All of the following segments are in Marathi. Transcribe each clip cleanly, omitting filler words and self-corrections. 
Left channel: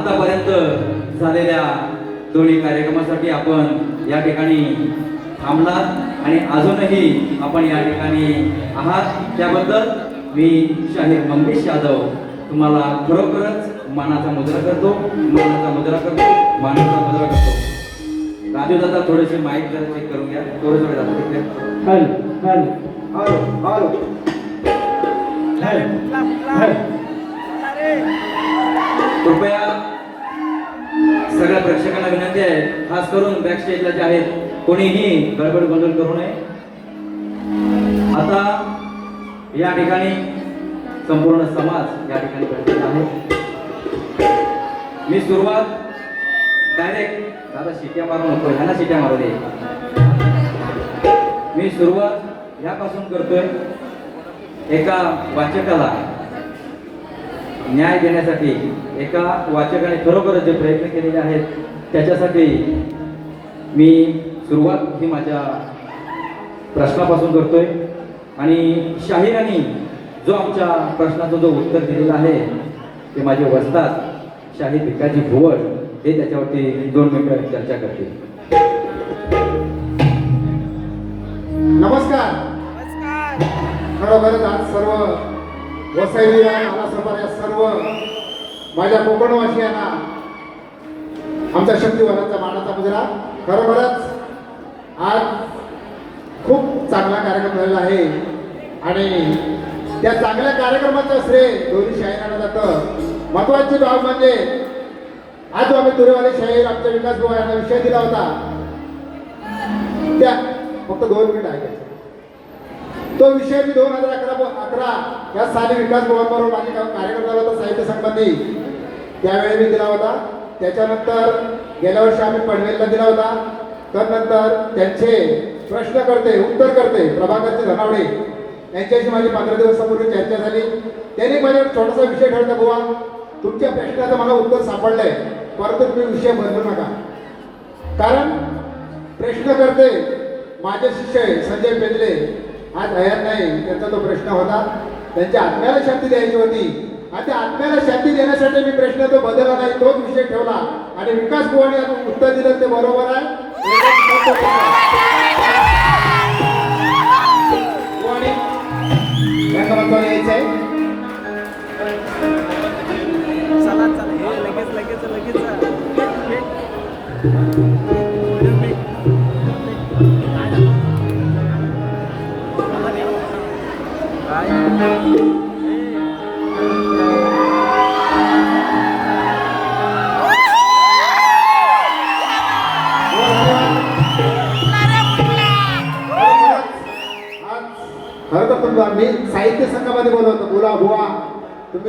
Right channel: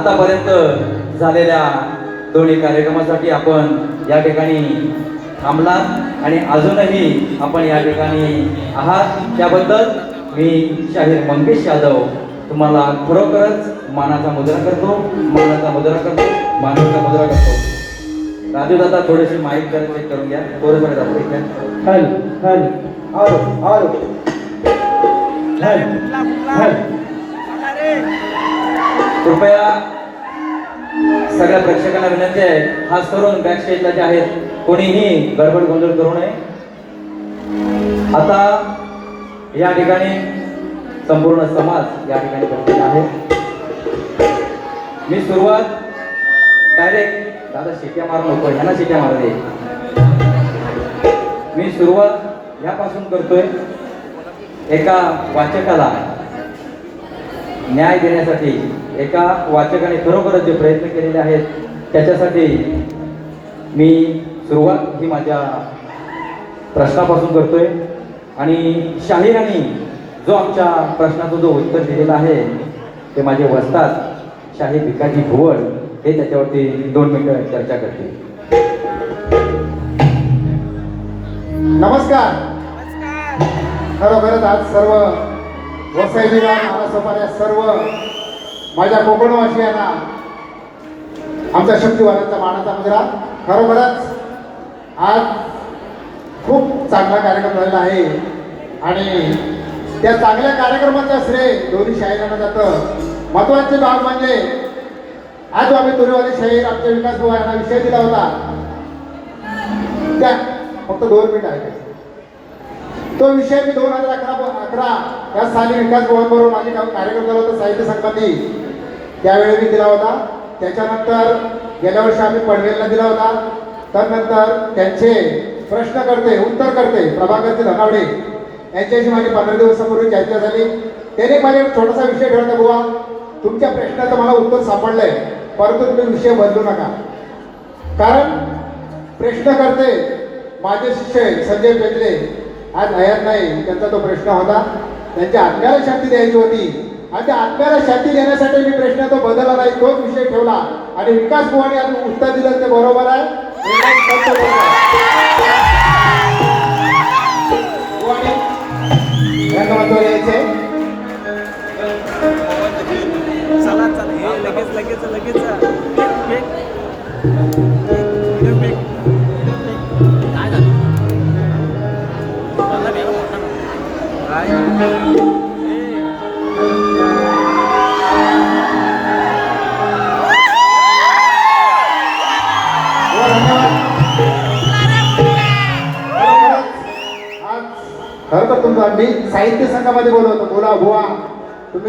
आतापर्यंत झालेल्या दोन्ही कार्यक्रमासाठी आपण या ठिकाणी थांबलात आणि अजूनही आपण या ठिकाणी आहात त्याबद्दल मी शाहीर मंगेश यादव तुम्हाला खरोखरच मानाचा मुद्रा करतो, मानाचा मुद्रा करतो, मानाचा मुद्रा करतो. राजू दादा थोडीशी माहिती चेक करून घ्या. थोडं कृपया सगळ्या प्रेक्षकांना विनंती आहे, खास करून बॅक स्टेजला जे आहेत कोणीही गडबड गोंधळ करू नये. आता या ठिकाणी संपूर्ण समाज या ठिकाणी पोहोचलेला आहे. मी सुरुवात डायरेक्ट दादा शिट्या मारून होतो, ह्याला शिट्या मारू दे. मी सुरुवात यापासून करतोय, एका वाचकाला न्याय देण्यासाठी एका वाचकाने खरोखरच जे प्रयत्न केलेले आहेत त्याच्यासाठी मी सुरुवात ही माझ्या प्रश्नापासून करतोय. आणि शाहिरांनी जो आमच्या प्रश्नाचं जो उत्तर दिलेला आहे ते माझे वस्तात शाहीर भिकाजी भुवड हे त्याच्यावरती 2 मिनिटं चर्चा करतील. नमस्कार. खरोखरच आज सर्व वसईला मला सर्व माझ्या कोकणवासियांना आमच्या शक्तिवानाचा मानाचा मुद्रा. खरोखरच आज खूप चांगला कार्यक्रम झालेला आहे आणि त्या चांगल्या कार्यक्रमाचं श्रेय दोन्ही शाहिरांना जातं. महत्वाचे बाब म्हणजे आज आम्ही तुरेवाले शाहीर आमच्या विकास भाऊ यांना विषय दिला होता, त्या फक्त 2 मिनिट आहे. तो विषय मी 2011 या साली विकास भवनवरून माझी कार्यक्रम केला होता साहित्य संबंधी, त्यावेळी मी दिला होता. त्याच्यानंतर गेल्या वर्षी आम्ही पनवेलला दिला होता. त्यानंतर त्यांचे प्रश्नकर्ते उत्तरकर्ते प्रभाकरचे धनावडे यांच्याशी माझी 15 दिवसापूर्वी चर्चा झाली. त्याने माझ्याकडे छोटासा विषय ठरला, बुवा तुमच्या प्रश्नाचं मला उत्तर सापडलंय, परंतु तुम्ही विषय बदलू नका. कारण प्रश्नकर्ते माझे शिष्य संजय पेंडले आज हयात नाही, त्यांचा तो प्रश्न होता, त्यांच्या आत्म्याला शांती द्यायची होती आणि त्या आत्म्याला शांती देण्यासाठी मी प्रश्न तो बदलला नाही, तोच विषय ठेवला आणि विकास भुवाने आज उत्तर दिलं ते बरोबर आहे. चला चला हे लगेच लगेच लगेच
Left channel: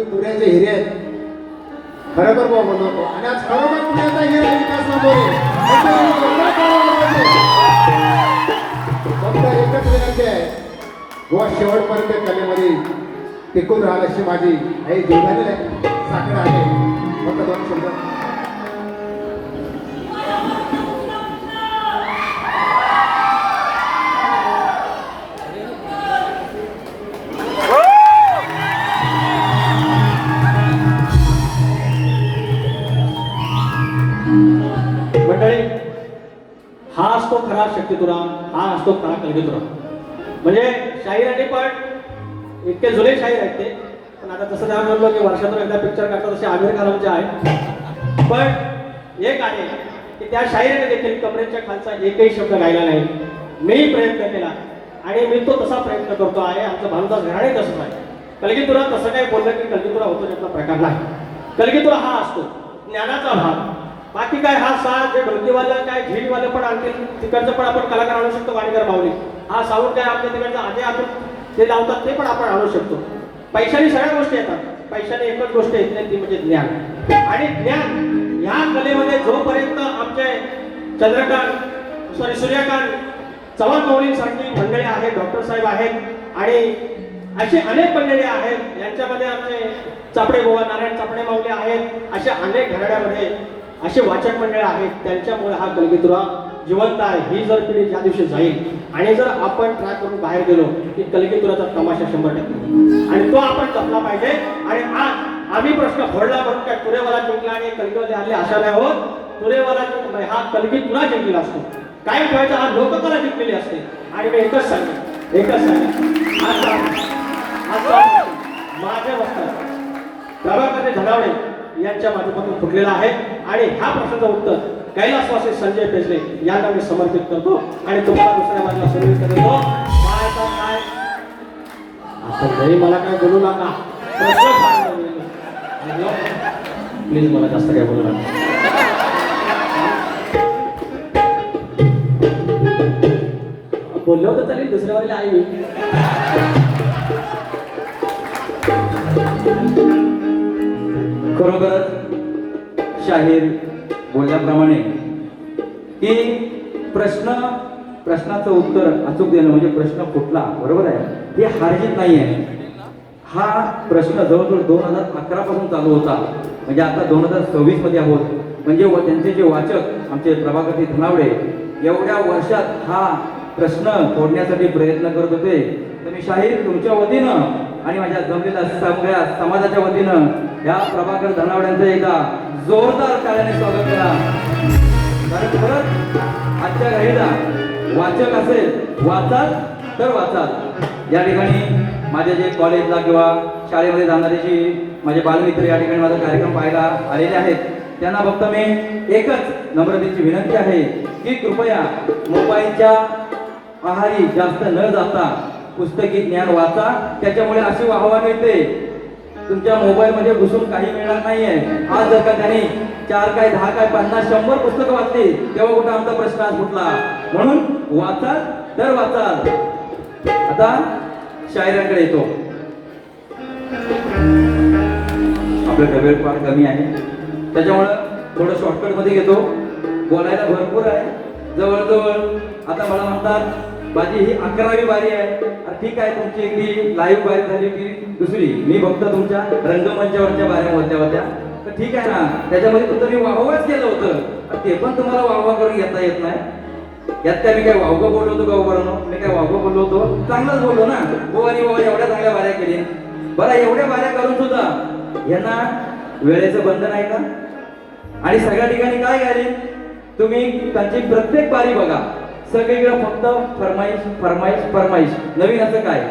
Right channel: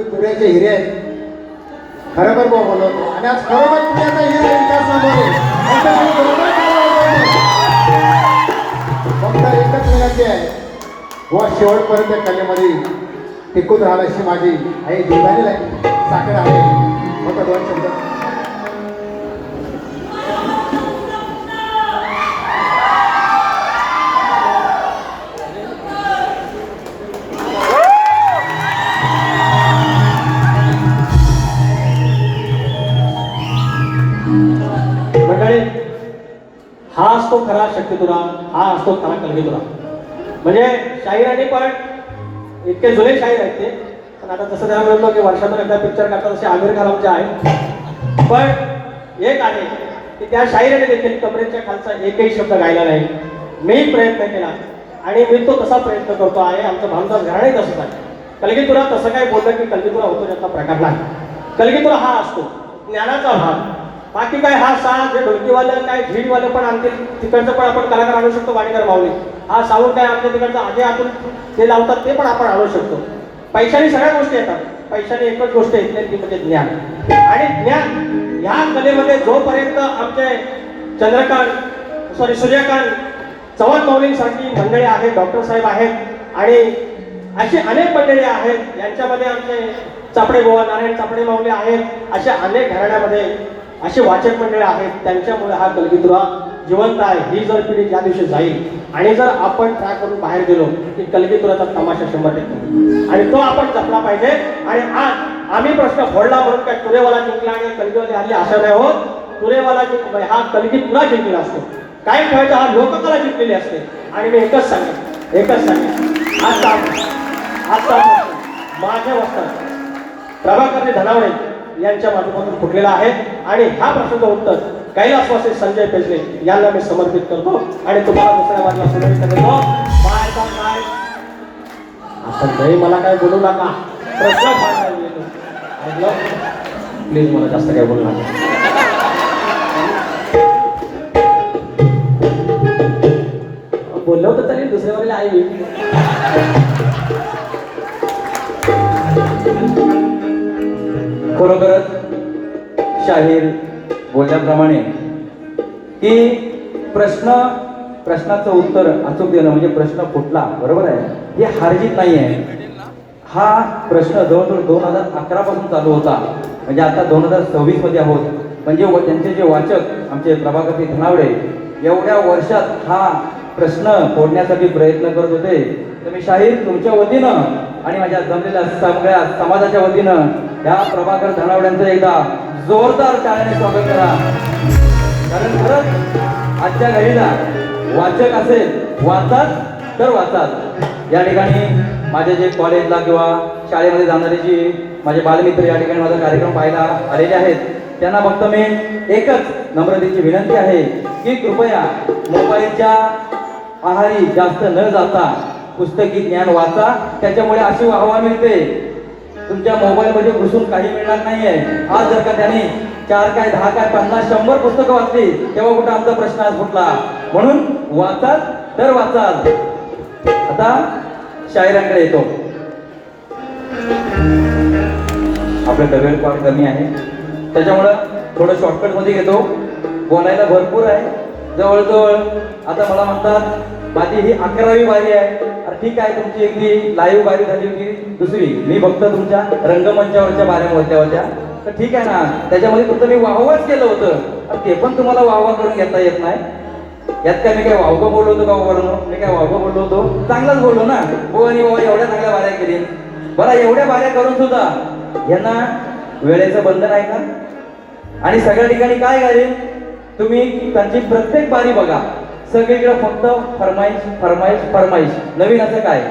तुम्ही पुण्याचे हिरे आहेत खरोखर बोलवतो आणि आज खरोखर पुण्याचा हिरा विकास फक्त एकच विनंती आहे व शेवटपर्यंत कलेमध्ये टिकून राहाल अशी माझी आई दुर्धारी आहे साखर आहे फक्त 2 शब्द मंडळी हा असतो खरा शक्तितुरा हा असतो खरा कलगीतुरा म्हणजे शाहिरांनी पण इतके जुने शाहीर आहेत ते पण आता तसं द्यावं म्हणतो की वर्षातून एकदा पिक्चर करतात असे आमिर खानाचे आहे पण एक आहे की त्या शाहिराने देखील कपड्याच्या खालचा एकही शब्द गायला नाही मी प्रयत्न केला आणि मी तो तसा प्रयत्न करतो आहे आमचं भामदास घराणे तसंच आहे कलगीतुरा तसं काय बोललं की कलगीतुरा होतो त्यातला प्रकार नाही कलगीतुरा हा असतो ज्ञानाचा भाग बाकी काय हा साथ जे ढोलकीवालं काय झीटवालं पण आणतील तिकडचं पण आपण कलाकार आणू शकतो वाडीकर माऊली हा साऊंड काय आपल्या तिकडचं आधी आपण ते लावतात ते पण आपण आणू शकतो पैशाने सगळ्या गोष्टी येतात पैशाने एकच गोष्ट येत नाही ती म्हणजे ज्ञान आणि ज्ञान ह्या कलेमध्ये जोपर्यंत आमचे सूर्यकांत चव्हाण माऊलींसारखी मंडळी आहेत डॉक्टर साहेब आहेत आणि अशी अनेक मंडळी आहेत यांच्यामध्ये आमचे चापडे गोवा नारायण चापडे माऊली आहेत अशा अनेक घराण्यामध्ये अशी वाचक मंडळी आहेत त्यांच्यामुळे हा कलगीतुरा जिवंत आहे ही जर पिढी ज्या दिवशी जाईल आणि जर आपण ट्रॅक करून बाहेर गेलो की कलगीतुराचा तमाशा 100% आणि तो आपण जपला पाहिजे आणि आज आम्ही प्रश्न फोडला म्हणून काय तुरेवाला जिंकला आणि कलगीमध्ये आली अशा नाही होत तुरेवाला जिंकला हा कलगीतुरा जिंकला असतो काही फायदा हा लोककला जिंकलेली असते आणि मी एकच सांगेन माझ्या वस्त्रात प्रभाकरजी धनावडे यांच्या माध्यमातून फुटलेला आहे आणि ह्या प्रश्नाचं उत्तर कैलासवासी संजय पेसले यांना मी समर्पित करतो आणि तुम्हाला दुसऱ्या बाजूला सुरळीत करतो आता काही मला काय बोलू नका प्रश्न प्लीज मला जास्त काय बोलू नका बोललं होतं चालेल दुसऱ्या वेळेला आई खरोखरच शाहीर बोलल्याप्रमाणे की प्रश्नाचं उत्तर अचूक देणं म्हणजे प्रश्न फुटला बरोबर आहे ही हारजीत नाही आहे हा प्रश्न जवळजवळ 2011 पासून चालू होता म्हणजे आता 2026 मध्ये आहोत म्हणजे त्यांचे जे वाचक आमचे प्रभाकरजी धनावडे एवढ्या वर्षात हा प्रश्न फोडण्यासाठी प्रयत्न करत होते तर मी शाहीर तुमच्या वतीनं आणि माझ्या जमलेल्या सगळ्या समाजाच्या वतीनं या प्रभाकर धनावड्यांचं एकदा जोरदार टाळ्याने स्वागत करा कारण खरंच आजच्या घडीला वाचक असेल वाचाल तर वाचाल या ठिकाणी माझे जे कॉलेजला किंवा शाळेमध्ये जाणारे जी माझे बालमित्र या ठिकाणी माझा कार्यक्रम पाहायला आलेले आहेत त्यांना फक्त मी एकच नम्रतेची विनंती आहे की कृपया मोबाईलच्या आहारी जास्त न जाता पुस्तकी ज्ञान वाचा त्याच्यामुळे अशी वाहवा मिळते तुमच्या मोबाईलमध्ये घुसून काही मिळणार नाहीये आज जर का त्यांनी 4 काय 10 काय 50 100 पुस्तकं वाचली तेव्हा कुठे आमचा प्रश्न आज फुटला म्हणून वाचाल तर वाचाल आता शायरांकडे येतो आपलं डबेल फार कमी आहे त्याच्यामुळं थोडं शॉर्टकट मध्ये घेतो बोलायला भरपूर आहे जवळजवळ आता मला म्हणतात माझी ही 11वी वारी आहे ठीक आहे तुमची एक लाईव्ह वारी झाली होती दुसरी मी फक्त तुमच्या रंगमंचावरच्या वाऱ्या होत्या तर ठीक आहे ना त्याच्यामध्ये तुमचं मी वाहवाच केलं होतं ते पण तुम्हाला वाहवा करून घेता येत नाही यात काय मी काय वाहवं बोललो होतो बाबा म्हणून मी काय वाहवं बोललो होतो चांगलंच बोललो ना हो आणि बाबा एवढ्या चांगल्या वाऱ्या केली बरं एवढ्या वाऱ्या करून सुद्धा यांना वेळेचं बंधन आहे का आणि सगळ्या ठिकाणी काय घालेल तुम्ही त्यांची प्रत्येक बारी बघा सगळीकडे फक्त फरमाईश नवीन असं काय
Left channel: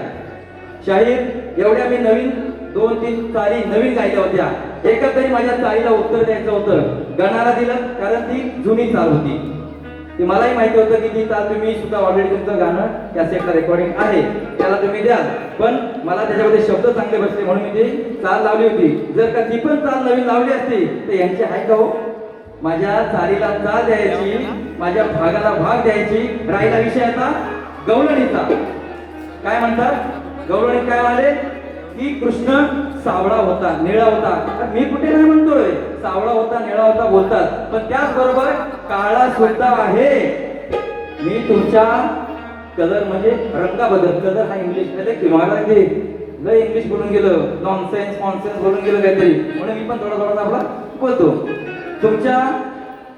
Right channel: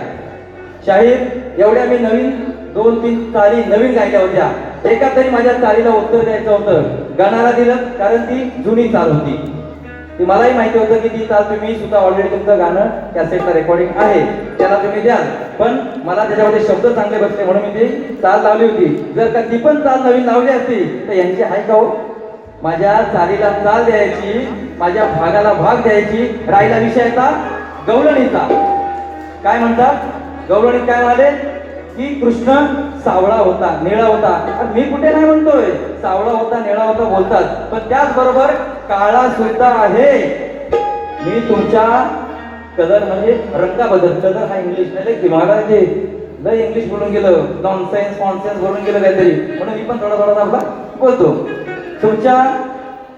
शाहीर एवढ्या मी नवीन 2-3 चाली नवीन गायल्या होत्या एका तरी माझ्या चालीला उत्तर द्यायचं होतं गाणारा दिलं कारण ती जुनी चाल होती ती मलाही माहिती होतं की ती चाल तुम्ही सुद्धा ऑलरेडी तुमचं गाणं कॅसेटचं रेकॉर्डिंग आहे त्याला तुम्ही द्याल पण मला त्याच्यामध्ये शब्द चांगले बसले म्हणून मी ती चाल लावली होती जर का ती पण चाल नवीन लावली असती तर यांची आहे का हो माझ्या चालीला चाल द्यायची माझ्या भागाला भाग द्यायची राहिला विषय आता गवळणीचा काय म्हणतात गवळणीत काय म्हणाले की कृष्ण सावळा होता, निळा होता. मी कुठे नाही म्हणतोय, सावळा होता, निळा होता बोलतात, पण त्याचबरोबर काळा सुद्धा आहे. मी तुमच्या कलर म्हणजे रंगाबद्दल, कलर हा इंग्लिश नाही की महाराज ते लय इंग्लिश बोलून गेलं, नॉनसेन्स कॉन्सेन्स बोलून गेलं काहीतरी, म्हणून मी पण थोडा थोडा आपला बोलतो. तुमच्या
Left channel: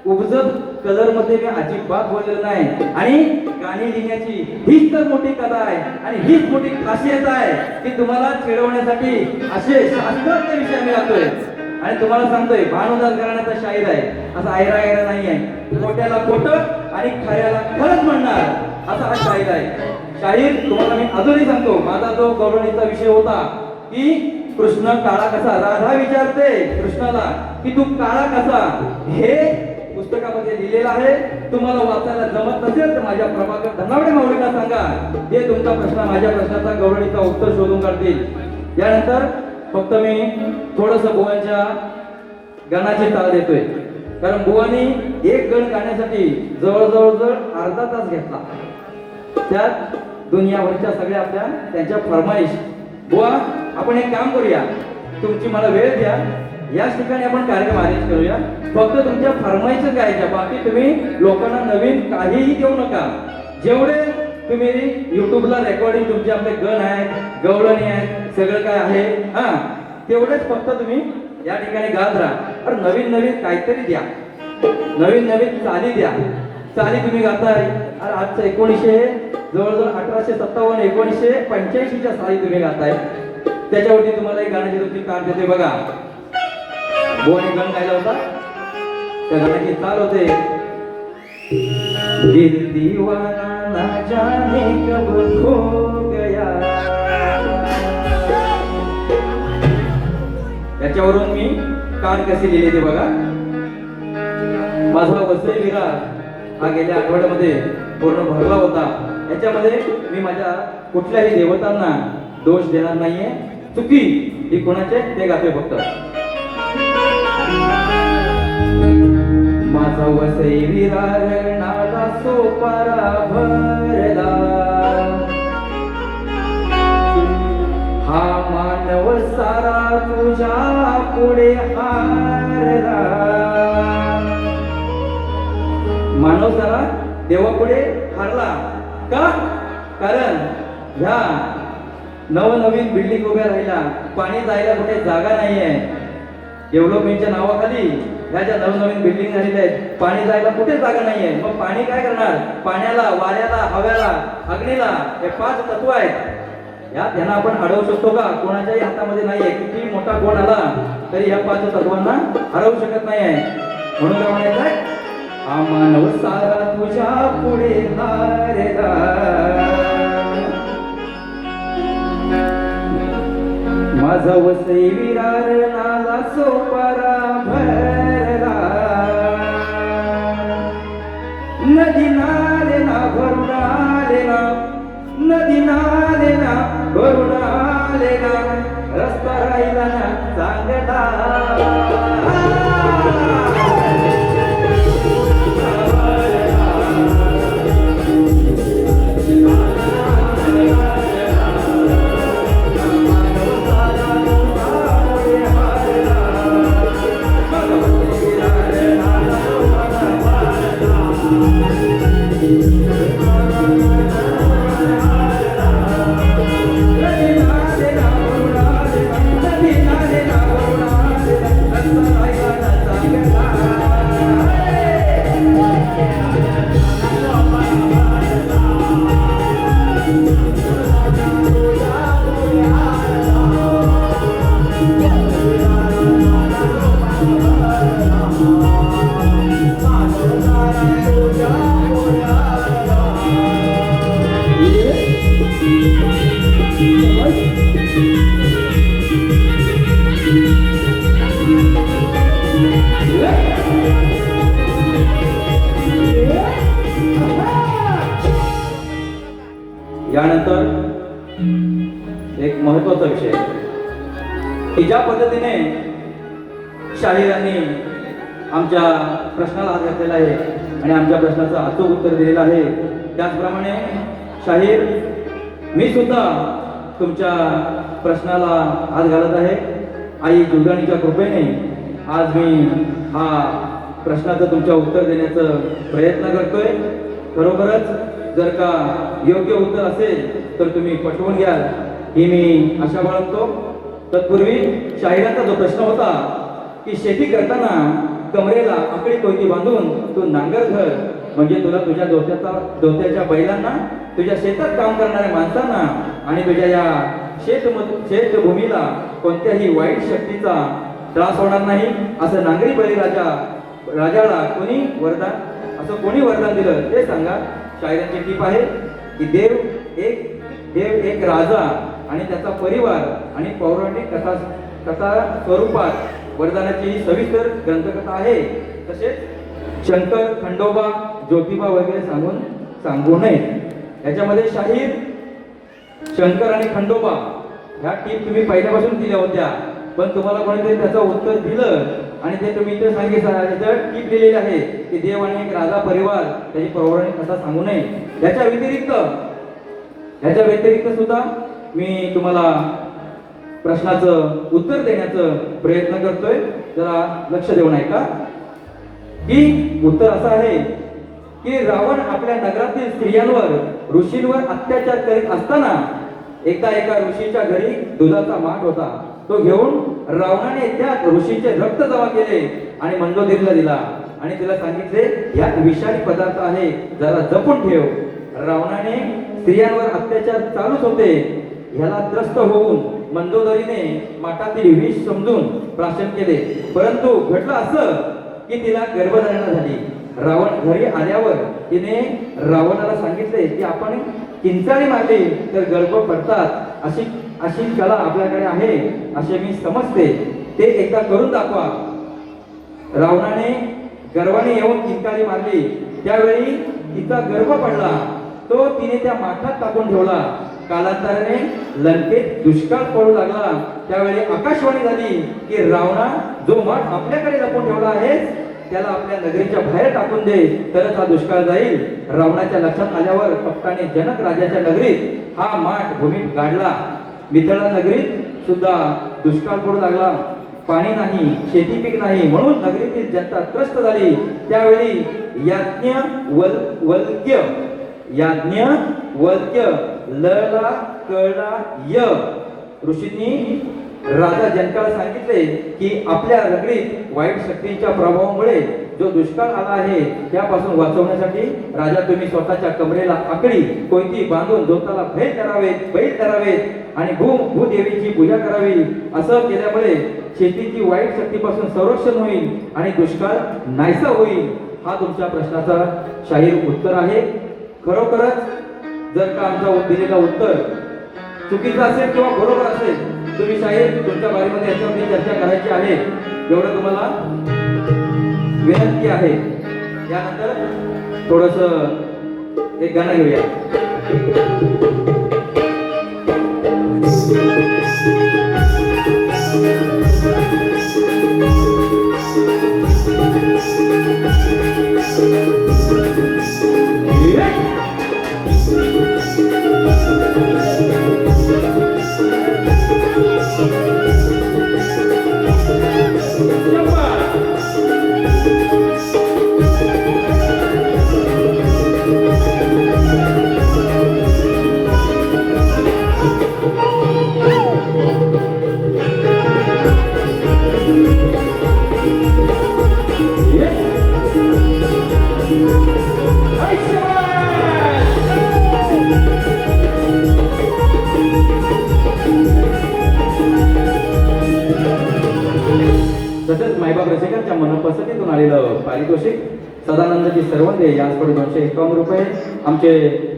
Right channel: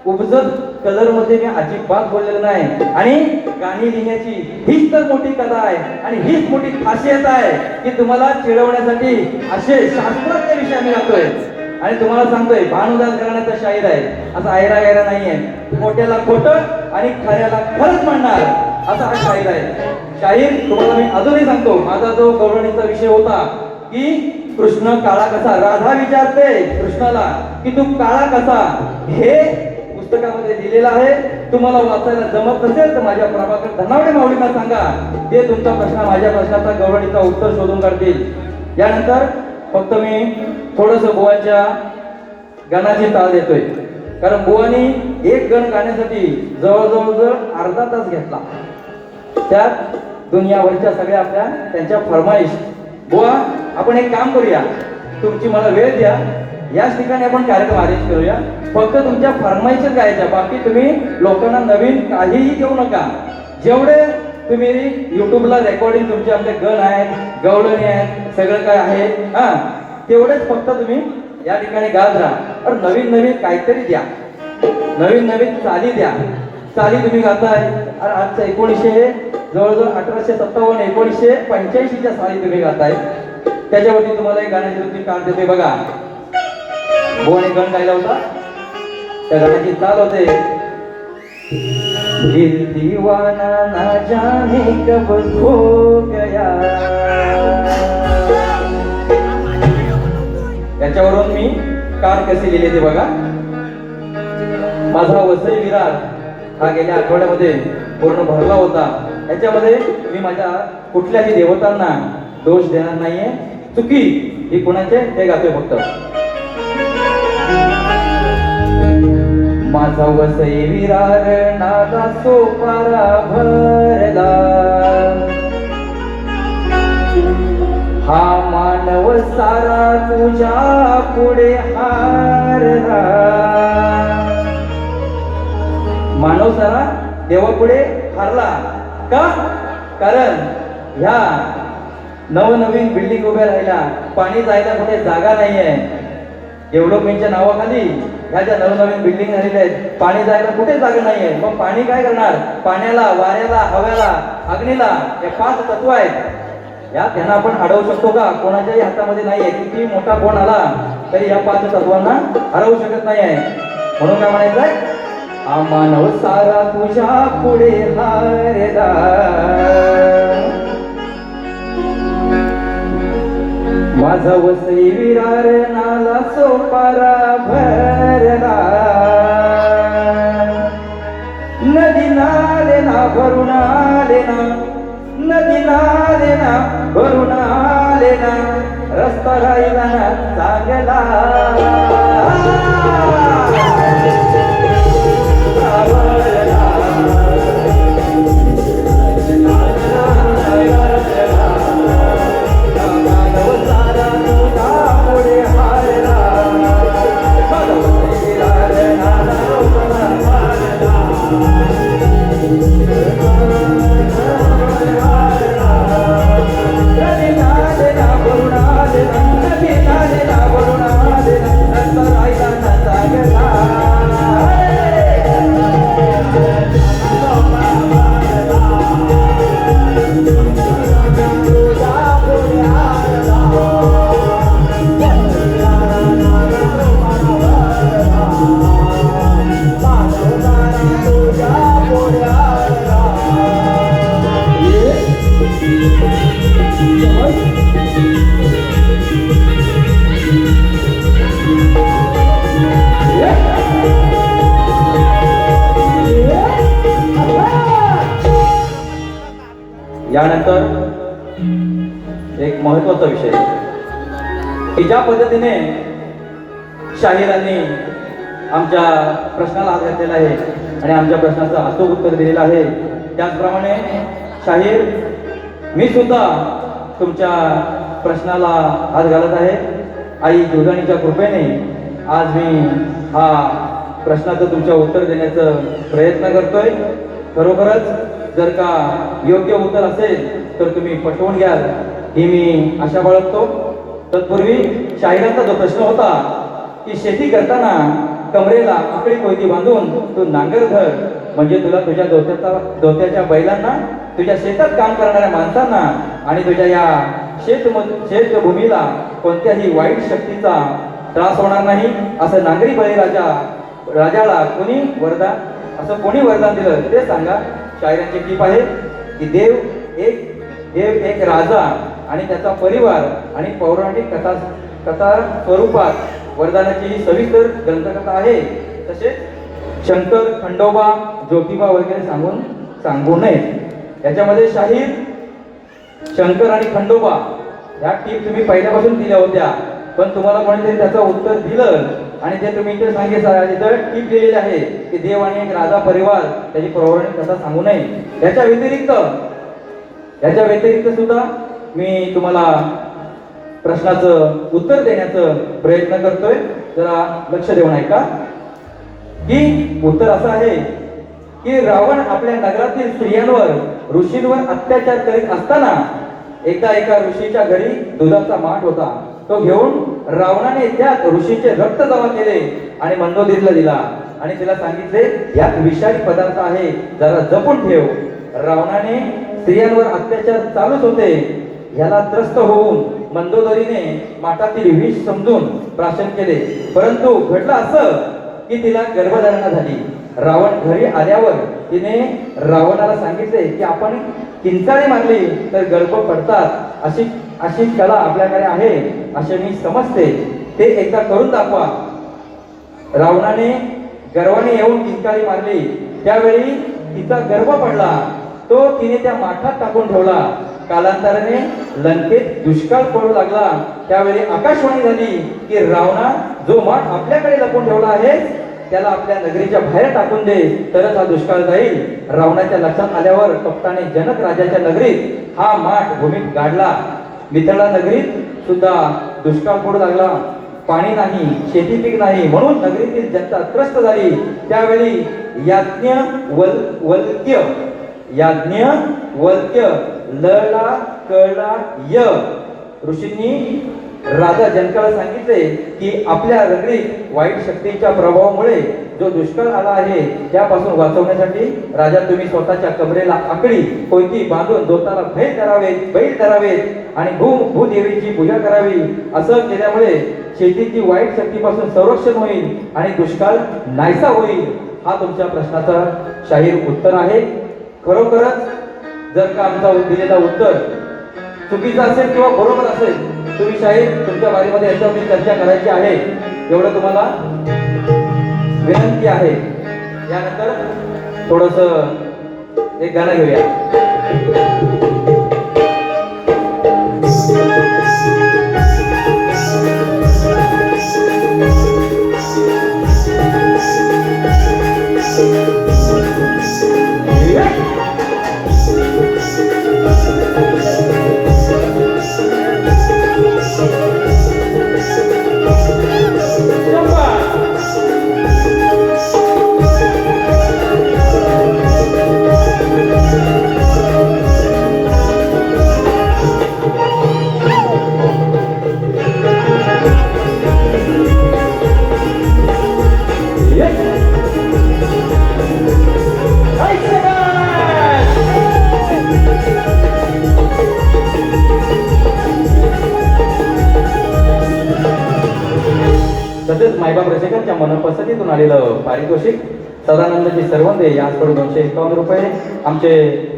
उपजत कलर मध्ये मी अजिबात बोललेलं नाही. आणि गाणी लिहिण्याची हीच तर मोठी कला आहे आणि हीच मोठी खासियत आहे की तुम्हाला चिडवण्यासाठी असे शास्त्रोक्त विषय आम्ही गातोय. आणि तुम्हाला सांगतोय, भानुदास घराण्याचा शाहीर आहे, असं आयरा गैरा नाहीये. खोट्याला खोटं आणि खऱ्याला खरंच म्हणणार असा हा शाहीर आहे. शाहीर तुम्हाला मी अजूनही सांगतो, माझा जो गौरवणीचा विषय होता की कृष्ण काळा कसा, राधा विचारते कृष्णाला की तू काळा कसा, हे पुस्तकामध्ये लिहिलेलं आहे. तुम्हाला वाचायला जमत नसेल तर माझ्या प्रभाकर धनावडे माऊलींना सांगा, ते तुमचा प्रश्न माझ्या प्रश्नाचा गौरवणीचा उत्तर शोधून काढतील. यानंतर फक्त मी थोडस बुवांच्या गाण्याची ताल देतोय, कारण बुवानी एक गण गाण्यासाठी जवळजवळ अर्धा तास घेतला. त्यात दुनियाभरच्या सगळ्या आपल्या त्यांच्या फरमाईश. बुवा आपण एक काम करूया, तुमची मला वेळ द्या, याच ठिकाणी आपण कार्यक्रम आयोजित करूया. फक्त तुमच्या फरमाईशच गायच्या, बाकी तुम्ही लोकांना नवीन काहीही देऊ नका. जेवढे तुम्ही युट्यूबला रेकॉर्डिंग तुमचे आपले गण आहेत, गवळणी आहेत, सगळं काय आहे हा, तेवढेच फक्त तुम्ही या ठिकाणी गात राहा. पण नवीन नवीन काहीतरी द्या, नवीन नवीन चाली द्या. चाली तुम्ही गाताय, आणि आजचं 1900 जवळजवळ 1857 1985च्या साली तुम्ही गाताय. त्याच्यावरती तुम्हाला एक गाण्याची रुची काम देते बघा. बोने गण गायला होता, त्या गाण्याची चाल होते, दिल दीवाना ना जाने कब खो गया. त्याच्यावरून मी कान कसे लिहिले ते बघा. माझा वसई विरार हा गेल्या आठवड्यामध्ये पूर्ण भरला होता. याच्यामध्ये मी माझ्या कुठल्याही देवतांना दोष देणार नाहीये. चुकी ही कुणाचे ते गाते फक्त. माझा वसई विरार नाला सोपारा भरला, हा मानव सारा तुझ्या पुढे हारला. मानव सारा देवापुढे हारला का? कारण ह्या नवनवीन बिल्डिंग उभ्या राहिल्या, पाणी जायला कुठे जागा नाहीये. डेव्हलपमेंटच्या नावाखाली ह्या ज्या नवनवीन बिल्डिंग झालेल्या आहेत, पाणी जायला कुठे जागा नाहीये. मग पाणी काय करणार? पाण्याला, वाऱ्याला, हव्याला, अग्नीला, हे 5 तत्व आहेत. या त्यांना आपण अडवू शकतो का? कोणाच्याही हातामध्ये नाहीये. किती मोठा कोण आला तरी या 5 तत्वांना हरवू शकत नाही आहे. म्हणून काय म्हणायचंय? हा मानव सारा तुझ्या पुढे हारला, माझा वसई विरार नाला सोपारा भरला. नदी नाले ना भरून आले ना, नदी नाले ना भरून आले ना, रस्ता राहिला ना चांगला. यानंतर एक महत्वाचा विषय की ज्या पद्धतीने शाहिरांनी आमच्या प्रश्नाला हात घातलेला आहे आणि आमच्या प्रश्नाचं अचूक उत्तर दिलेलं आहे, त्याचप्रमाणे शाहीर मी सुद्धा तुमच्या प्रश्नाला हात घालत आहे. आई दुर्गाणीच्या कृपेने आज मी हा प्रश्नाचं तुमच्या उत्तर देण्याचं प्रयत्न करतोय. खरोखरच जर का योग्य उत्तर असेल तर तुम्ही पटवून घ्याल ही मी आशा बाळगतो. तत्पूर्वी शाहिरांचा जो प्रश्न होता की शेती करताना कमरेला आकडी कोयती बांधून तू नांगर धर, म्हणजे तुला तुझ्या दोत्याच्या बैलांना, तुझ्या शेतात काम करणाऱ्या माणसांना आणि तुझ्या या शेतभूमीला कोणत्याही वाईट शक्तीचा त्रास होणार नाही, असं नांगरी राजाला कोणी वरदान दिलं ते सांगा. शायरांची टीप आहे की देव एक राजा आणि त्याचा परिवार आणि पौराणिक कथा स्वरूपात वरदानाची ही सविस्तर ग्रंथकथा आहे. तसेच शंकर, खंडोबा, ज्योतिबा वगैरे सांगू नये. याच्यामध्ये शाहीर शंकर आणि खंडोबा ह्या टीप तुम्ही पहिल्यापासून दिल्या होत्या, पण तुम्हाला कोणीतरी त्याचं उत्तर दिलं आणि ते तुम्ही इथे सांगितलं. इथं टीप दिलेली आहे की देव आणि एक राजा परिवार त्याची पौराणिक कथा सांगू नये. याच्या व्यतिरिक्त सुद्धा मी तुम्हाला प्रश्नाचं उत्तर देण्याचं प्रयत्न करतोय. जरा लक्ष देऊन ऐका. की उत्तर असं आहे की रावण आपल्या नगरातील स्त्रियांवर, ऋषींवर अत्याचार करीत असताना एकदा एका ऋषीच्या घरी दुधाचा माठ होता. तो घेऊन रावणाने त्या ऋषीचे रक्त जमा केले आणि मंदोदरीला दिला आणि तिला सांगितले यात विषारी पदार्थ आहे, जरा जपून ठेव. रावणाने स्त्रियांवर अत्याचार चालूच होते ह्याला त्रस्त होऊन मंदोदरीने माठातील विष समजून प्राशन केले, परंतु घडलं असं की तिला गर्भधारणा झाली. रावण घरी आल्यावर तिने रावणाला सांगितले की आपण किंचाळी मारली तर गर्भ पडतात, अशी कला आपल्याकडे आहे असे मी समजते, ते एकदा करून दाखवा. रावणाने गर्वाने येऊन किंचाळी मारली, त्यावेळी तिचा गर्भ पडला. तो तिने त्या माठात टाकून ठेवला. कालांतराने लंकेत दुष्काळ पडू लागला. त्यावेळी आकाशवाणी झाली की रावणा, जो माठ आपल्याकडे लपून ठेवला आहे त्याला आपल्या नगरीच्या बाहेर टाकून दे, तरच हा दुष्काळ जाईल. रावणाच्या लक्षात आल्यावर कपटाने जनक राजाच्या नगरीत हा माठ भूमीत गाडला. मिथिळा नगरीत सुद्धा दुष्काळ पडू लागला. पाणी नाही, शेती पीक नाही, म्हणून नगरीतील जनता त्रस्त झाली. त्यावेळी याज्ञवल्क्य लला कळला य ऋषींनी राजा जनकाला सांगितले की आपल्या नगरीत वाईट शक्तीच्या प्रभावामुळे जो दुष्काळ आला आहे त्यापासून वाचवण्यासाठी राजा तुम्ही स्वतःच्या कमरेला आकडी कोयती बांधून जोताला बैल करावेत आणि भूदेवीची पूजा करावी. असं केल्यामुळे शेतीची वाईट शक्तीपासून संरक्षण होईल आणि दुष्काळ नाहीसा होईल. हा तुमच्या प्रश्नाचा शाहीर उत्तर आहे. खरोखरच जर का आमचा दिलेला उत्तर चुकीचं असेल किंवा बरोबर असेल, तुम्ही शाहीर तुमच्या बारीमध्ये याच्यावरती चर्चा करायची आहे, एवढं तुम्हाला विनंती आहे. यानंतर थोडस एक गाणं घेऊया. मनपसंतीतून आलेलं पारितोषिक सदानंदजी सरवंदे यांकडून 251 रुपये, आमचे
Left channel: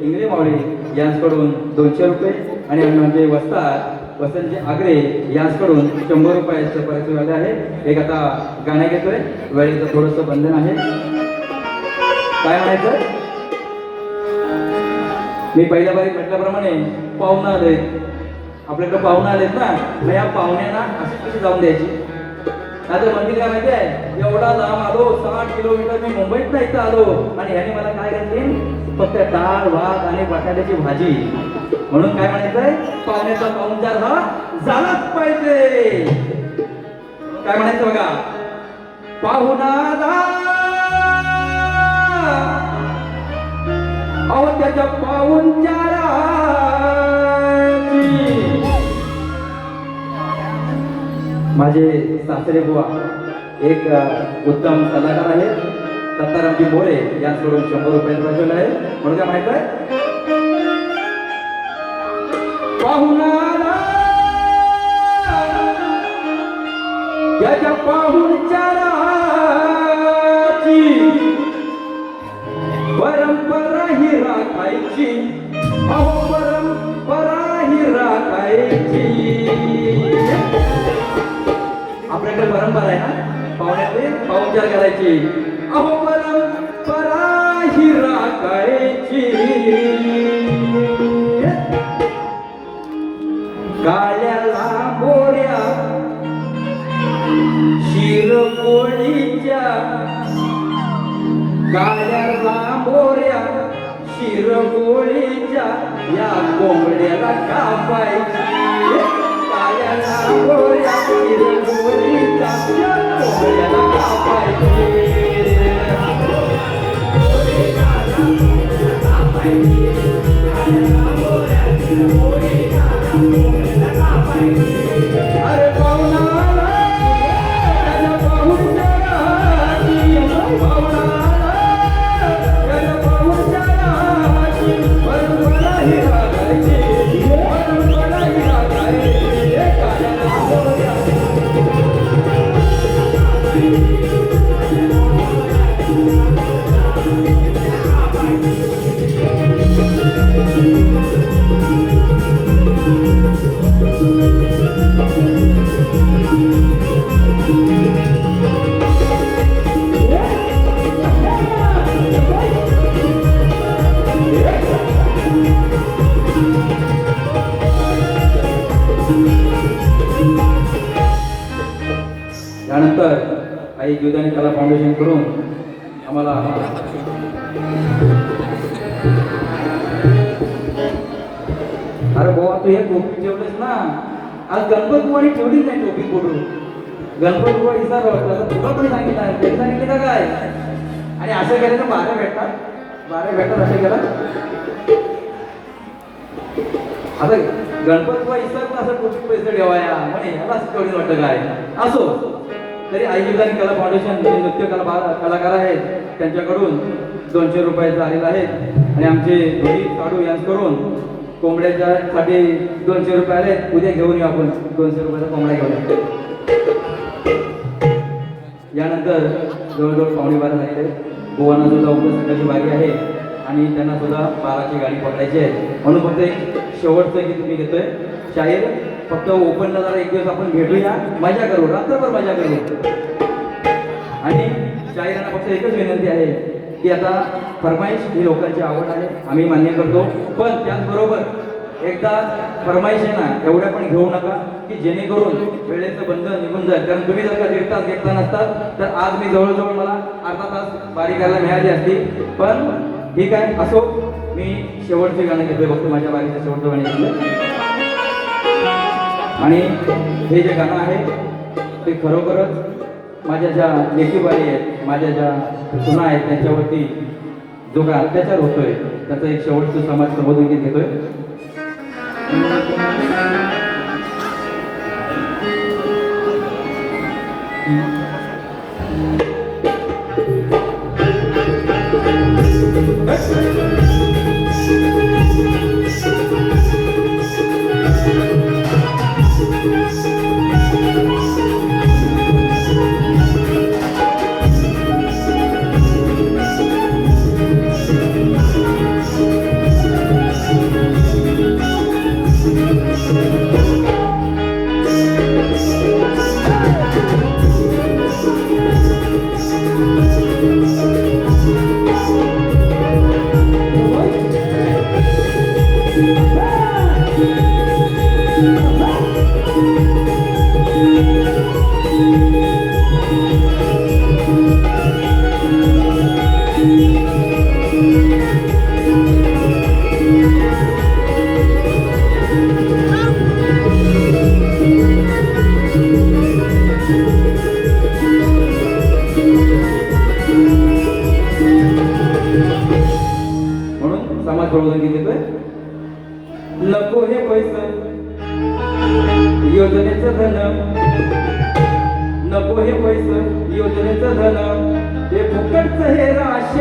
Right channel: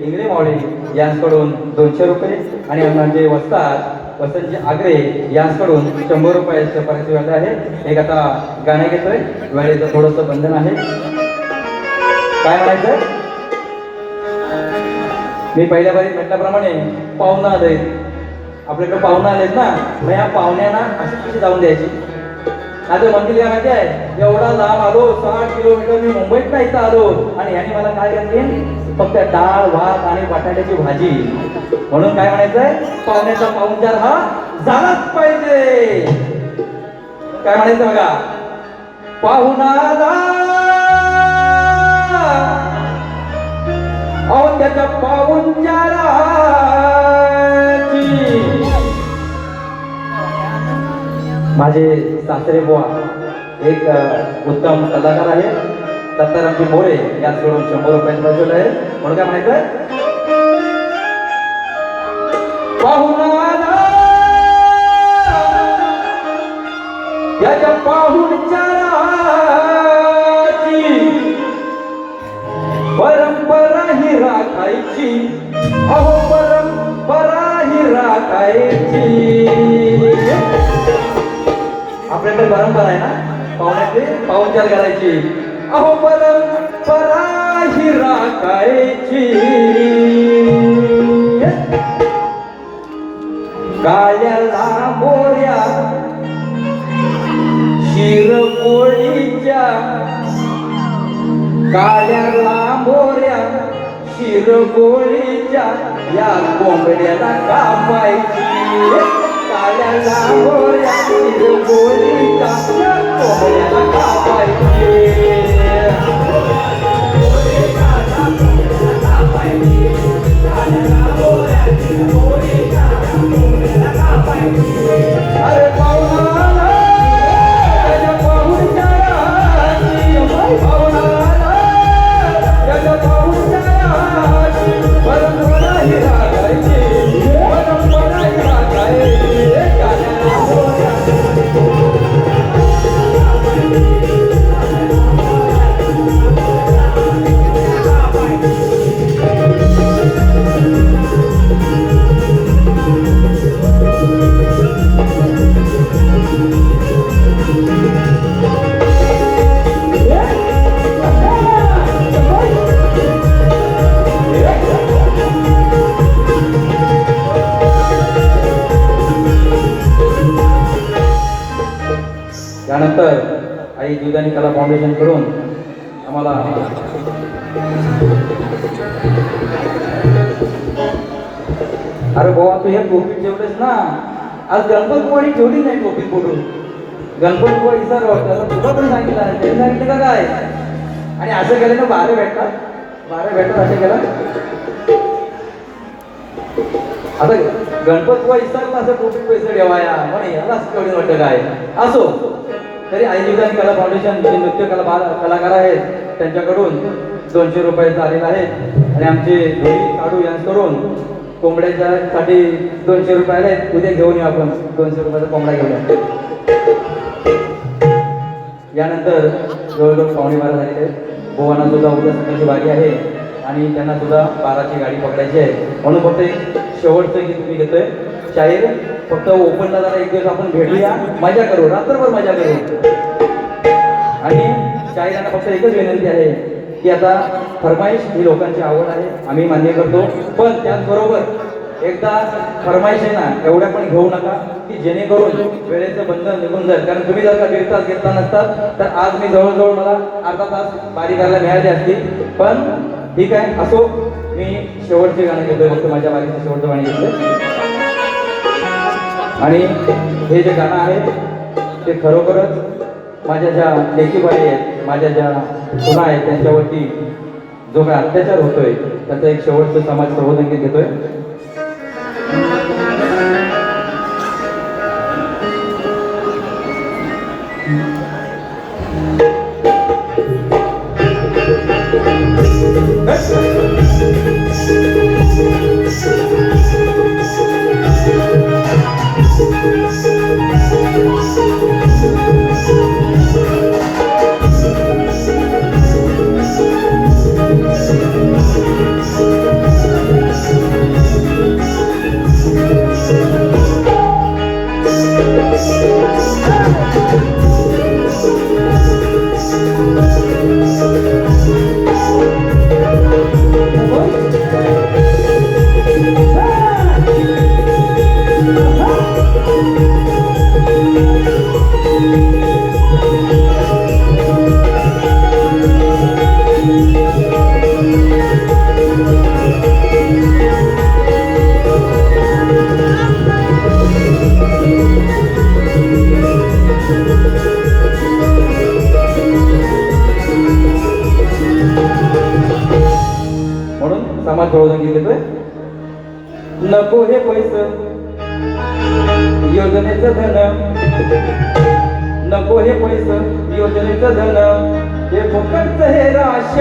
इंगळे मावळे यांकडून 200 रुपये आणि आमचे वसंतजी आगरे यांकडून 100 रुपयाचं पारितोषिक आले आहे. एक आता गाणं घेतोय, वेळेचं थोडंसं बंधन आहे. काय म्हणायचं, मी पहिल्या बारी म्हटल्याप्रमाणे पाहुणा आले, आपल्याकडे पाहुणा आलेत ना, या पाहुण्यांना अशी कशी जाऊन द्यायची. आता मंदिर काय माहिती आहे, एवढा लांब आलो, 6 किलोमीटर मी मुंबईत नाही इथं आलो आणि ह्याने मला काय घातली, फक्त डाळ भात आणि बटाट्याची भाजी. म्हणून काय म्हणायचंय, पाहुण्याचा पाहुणचार हा झालाच पाहिजे. काय म्हणायचं बघा, पाहुणाला अहो त्याच्या पाहुणचाराची माझे सासरे बुवा एक उत्तम कलाकार आहे, दत्तारामजी मोरे यांच्याकडून 100 रुपयांचं वसूल आहे. म्हणून काय म्हणायचं, पाहुणाला त्याच्या पाहुणचाराची परंपरा ही राखायची, अहो परंपरा ही राखायची. आपल्याकडे परंपरा आहे ना, पाहुण्याचे पाहुणचार करायची, अहो परंपरा ही राखायची. काळ्याला मोऱ्या शिरमोळीच्या, काळ्याला मोऱ्या शिरमोळीच्या या कोंबड्याला कापायची. काळ्याला मोऱ्या शिरमोळीच्या या कोंबड्याला कापायची. अरे पाहुणाला त्याच्या पाहुणचाराची, पाहुणाला त्याच्या पाहुणचाराची परंपरा ही राखायची, परंपरा ही राखायची. काळ्याला मोऱ्या त्यानंतर आई जीवदानी कला फाउंडेशन कडून आम्हाला अरे बाबा तू हे टोपी ठेवलेस ना, आज गणपतपुरी ठेवली नाही टोपी कुठून, गणपतपुरी विसरला होता, तुला पण सांगितलं ते सांगितलं का काय. आणि असं केलं तर वारे भेटतात, वारे भेटतात असं केलं. आता गणपतपुरी विसरला असं टोपी पैसे ठेवाया म्हणे, याला असं कमी वाटतं काय. असो तरी आई जीवदान कला फाउंडेशन जे नृत्य कलाकार आहेत त्यांच्याकडून 200 रुपयाचं आलेलं आहे. आणि आमचे देवी काढू यांच्याकडून कोंबड्याच्या साठी 200 रुपये आहेत. उद्या घेऊन येऊ आपण 200 रुपयाचा कोंबडा घेऊन. यानंतर जवळजवळ 12:15 झालेले. बुवांना सुद्धा उद्या सकाळची वारी आहे आणि त्यांना सुद्धा 12ची गाडी पकडायची आहे. म्हणून फक्त एक शेवटचं गीत तुम्ही घेतोय शाहीर. फक्त ओपनला जरा एक दिवस आपण भेटूया, मजा करू, रात्रभर मजा करू. आणि शाहिरांना फक्त एकच विनंती आहे की आता फरमाईश ही लोकांची आवड आहे, आम्ही मान्य करतो, पण त्याचबरोबर एकदा फरमाईश आहे ना एवढ्या पण घेऊ नका की जेणेकरून वेळेचं बंधन निघून जाईल. कारण तुम्ही जर का 1.5 तास घेतला नसतात तर आज मी जवळजवळ मला अर्धा तास बारी करायला मिळाले असतील. पण ठीक आहे, असो मी शेवटचे गाणे घेतोय, फक्त माझ्या बारीचं शेवटचं गाणे घेतलं. आणि हे जे गाणं आहे ते खरोखरच माझ्या ज्या लेकीबाई आहेत, माझ्या ज्या सुना आहेत त्यांच्यावरती जो काय अत्याचार होतोय त्याचा एक शेवटचं समाज प्रबोधन गीत घेतोय.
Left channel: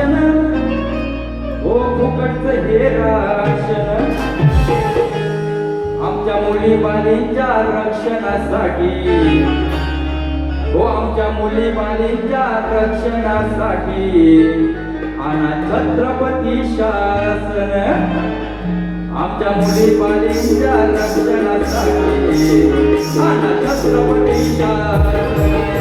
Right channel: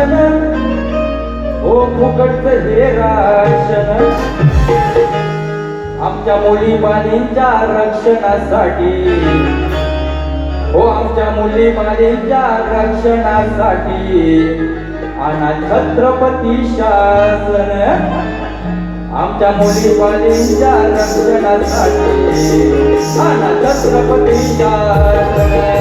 भाषण हो फुकटचं हे राशन आमच्या मुली बालींच्या रक्षणासाठी हो आमच्या मुली बालींच्या रक्षणासाठी आणा छत्रपती शासन आमच्या मुली बालींच्या रक्षणासाठी आणा छत्रपती शासन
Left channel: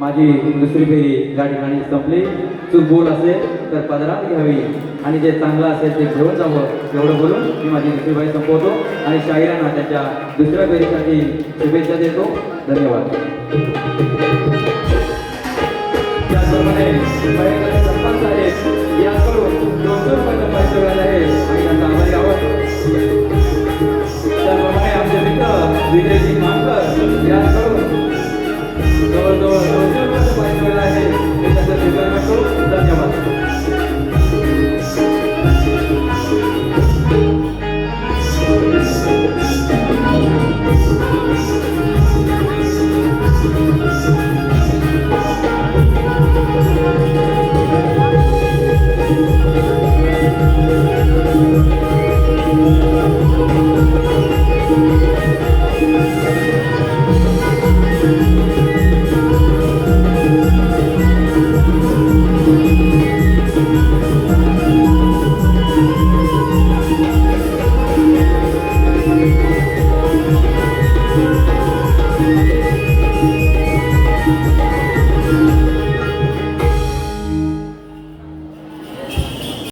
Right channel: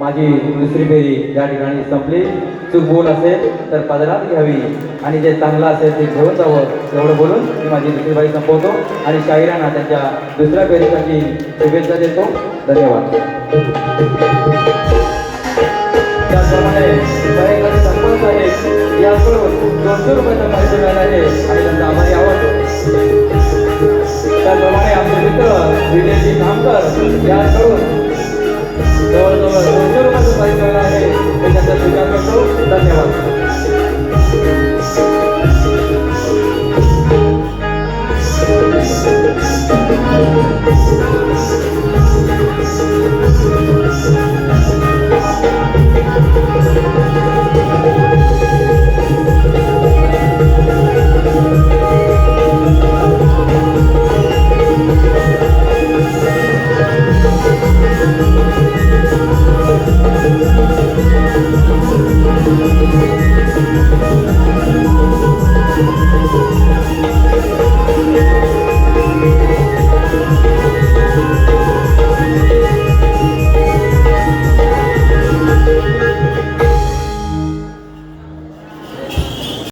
माझी दुसरी फेरी या ठिकाणी संपली. चूक बोल असेल तर पदरात घ्यावी आणि जे चांगलं असेल ते घेऊन जावं एवढं बोलून मी माझी दुसरी बाई संपवतो आणि शाहिरांना त्यांच्या दुसऱ्या फेरीसाठी शुभेच्छा देतो. धन्यवाद. त्याचप्रमाणे सरपंच साहेब याकडून 200 रुपयाचा पैसे मिळाले आहे.